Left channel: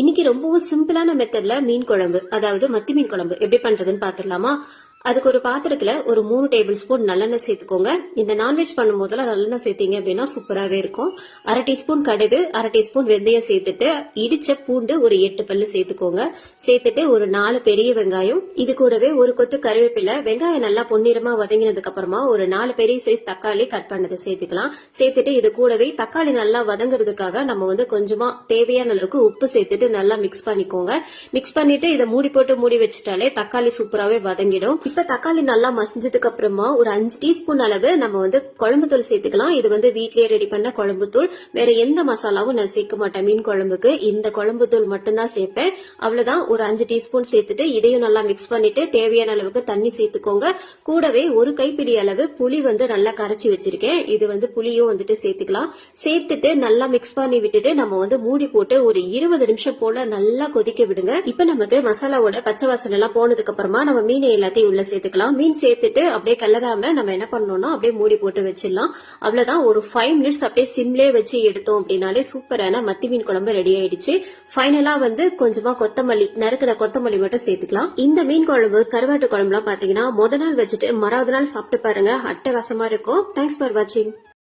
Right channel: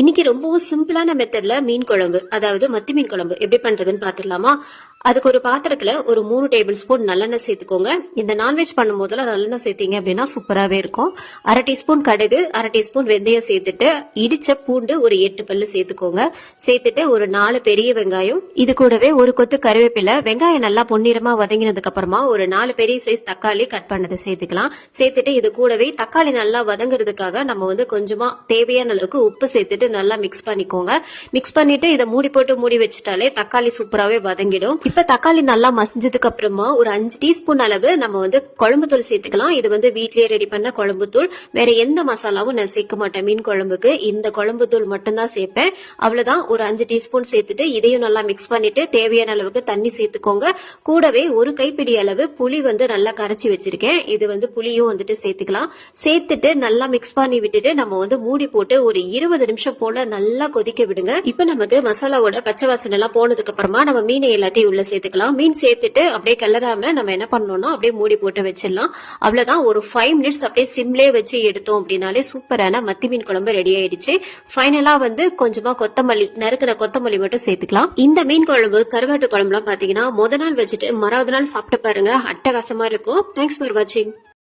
இன்னைக்கு ரொம்பவும் சிம்பிளான மெத்தட்ல மீன் குழம்பு, அதாவது மத்தி மீன் குழம்பு எப்படி பண்றதுன்னு பாத்துடலாமா? அதுக்கு ஒரு பாத்திரத்துல ஒரு 3 டேபிள் ஸ்பூன் நல்லெண்ணெய் சேர்த்துக்கோங்க. இந்த நான்வெஜ் பண்ணும் போதெல்லாம் நல்லெண்ணெய் சேர்த்தீங்க அப்படின்னா சூப்பராகவே இருக்கும். 1/2 டீஸ்பூன் கடுகு, 1/2 டீஸ்பூன் வெந்தயம் சேர்த்துட்டு இடிச்ச பூண்டு ஒரு 8 பல்லு சேர்த்துக்கோங்க. சேர்த்துட்டு ஒரு 4 பெரிய வெங்காயம், இது கூடவே ஒரு கொத்து கருவேப்பிலை. வெங்காயம் நல்லா பொன்னிறமா வதங்கினதுக்கு அப்புறமா ஒரு 4 பெரிய சைஸ் தக்காளி கட் பண்ணதை சேர்த்துக்கலாம். சேர்த்துட்டு இது கூடவே தக்காளி நல்லா வதங்குறதுக்காக நம்ம கொஞ்சமா தேவையான அளவுக்கு உப்பு சேர்த்துட்டு நல்லா மிக்ஸ் பண்ணிக்கோங்க. மிக்ஸ் பண்ணிட்டு இதை மூடி போட்டு மூடி வச்சுட்டாலே தக்காளி சூப்பராகவே வதங்கிடும். இப்ப தக்காளி நல்லா மசிஞ்சதுக்கு அப்புறமா ஒரு 5 டீஸ்பூன் அளவு நம்ம குழம்பு தூள் சேர்த்துக்கலாம். இது வீட்லயே ரெடி பண்ண குழம்பு தூள். வேற எந்த மசாலாவும் நான் சேர்க்க மாட்டேன். மீன் குழம்புக்கு இந்த குழம்பு தூள் மட்டும் தான் சேர்ப்பேன். அவ்வளவுதான். ஒரு 5 டீஸ்பூன் சேர்த்துட்டு இதையும் நல்லா மிக்ஸ் பண்ணிட்டு தேவையான அளவுக்கு தண்ணி சேர்த்துக்கோங்க. கூடவே ஒரு கைப்பிடி அளவு புளி நல்லா கரைச்சி வச்சிருக்கேன். இது புளியும் சேர்த்துக்கலாம். சேர்த்துட்டு நல்லா மிக்ஸ் பண்ணி விட்டுட்டு நம்ம மூடி போட்டு ஒரு 20 நிமிஷம் போல நல்லா கொதிக்க விடுங்க. இப்ப நமக்கு மசாலாவோட பச்சை வாசனை எல்லாம் போனதுக்கு அப்புறமா நம்ம மீனை எல்லாத்தையும் உள்ள சேர்த்துக்கலாம். மீன் சேர்த்துட்டு அப்படியே கிளறாம நம்ம என்ன பண்ணணும்னா அப்படியே மூடி போட்டு வச்சிடலாம். அவ்வளவுதான். ஒரு 5 மினிட்ஸ் அப்படியே சிம்லே வச்சு எடுத்தோம் அப்படின்னாலே சூப்பரான மத்தி மீன் குழம்பு ரெடி ஆயிடுச்சு. ஃபைனலா கொஞ்சமா கொத்தமல்லி, நறுக்கிற கொத்தமல்லி மட்டும் சேர்த்துக்கலாம். இந்த மீன் குழம்பு கருவாட்டு குழம்புலாம் பாத்தீங்கன்னா முத நாள் வச்சுட்டு மறாவது நாள் சாப்பிட்டு பாருங்க, அட்டகாசமா இருக்கும். தேங்க்ஸ் ஃபார் வாட்சிங்.